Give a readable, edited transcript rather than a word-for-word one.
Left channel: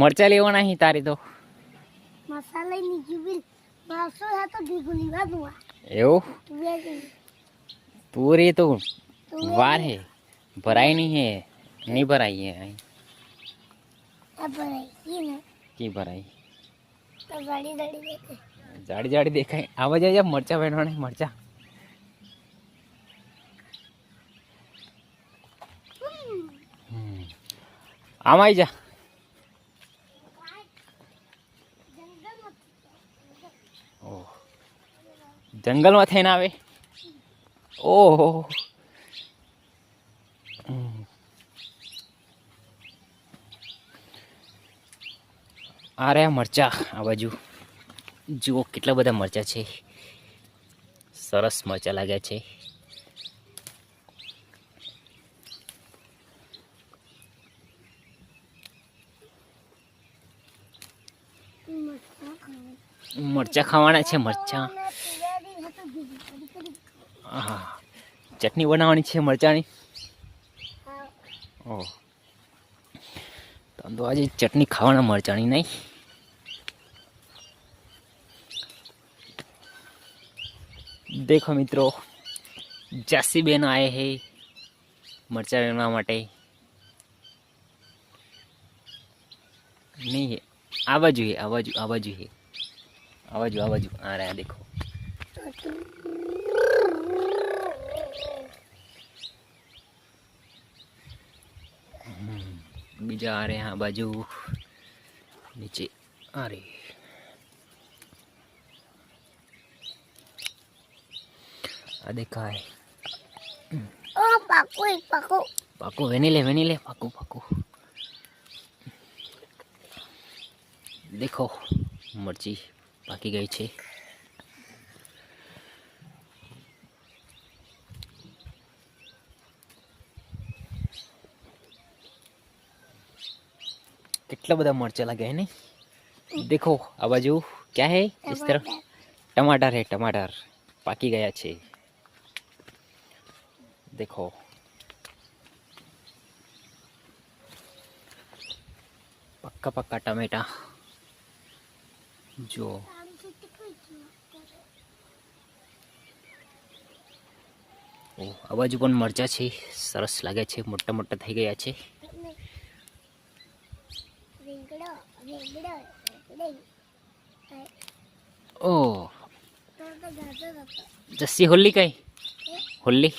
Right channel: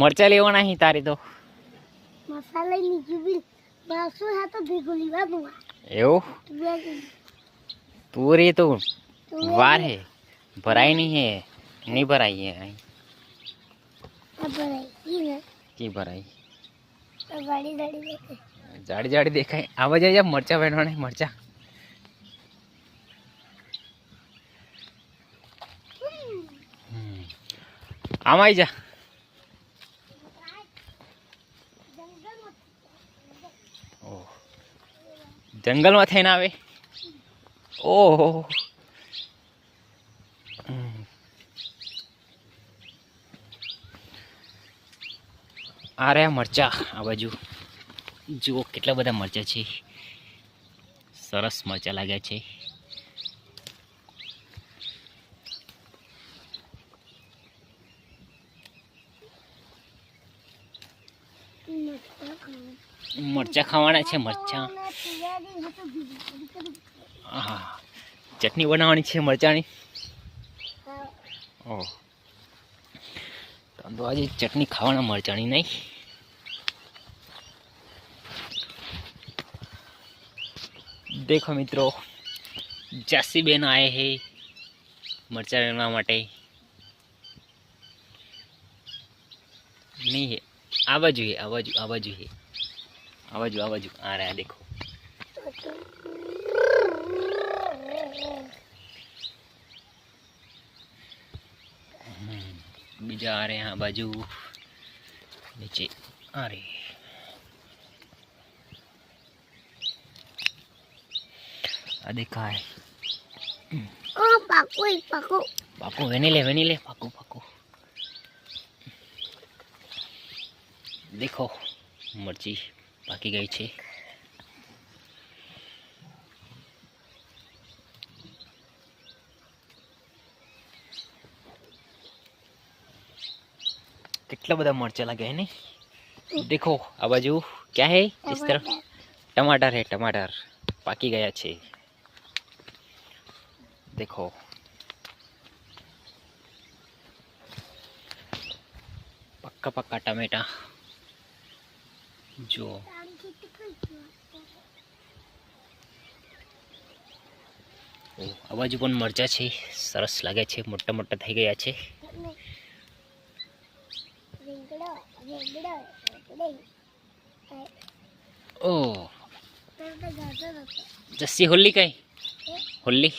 मरचा लेवाना ही तारी तो मसाला नहीं जुबिल बासो है तो भिगुली बाबुआ एवं पूरी तो वार है भराई नहीं है नहीं भराई है अब भराई ना की भराई तो जाड़ी जाड़ी देखे जाड़ी जाड़ी देखा आवाज आई मरचा बैठवाने मरचा आम आई जा जंगल में थे ना आवे ओह आ रहा मरचा आ बाजू जुओ કેટલા બધા મરચા છે સરસ મરચા લાગ્યા છે મરચા ખાવાના છે મરચા હા ચટણી બનાવવાની છે મરચાની ઓહ તો આજે ચટણી ખાવાના મરચાની નહીં देखो मित्रों जस्सी बेन आए हैं मरचा लेना माटे नहीं है आवाजू है आवाजू आवाजू है आवाजू आवाजू आ रहा है देखो बीजा आ रहे हैं बाजू नीचे आ रहे आ देखा है ओ पाको पाको पाको वेनीले पाको पाको देखो मरची पाकी गई छे कितना बड़ा मरचा लगा है नहीं देखो आ बाजू क्या है इस तरफ टमाटर है टमाटर पाकी गया छे देखो पक्का पक्का टमेटा जो आ बाजू पण मरचा छे सरस लागे छे मोटा मोटा थई गया छे ओ जस्सी होली कई होली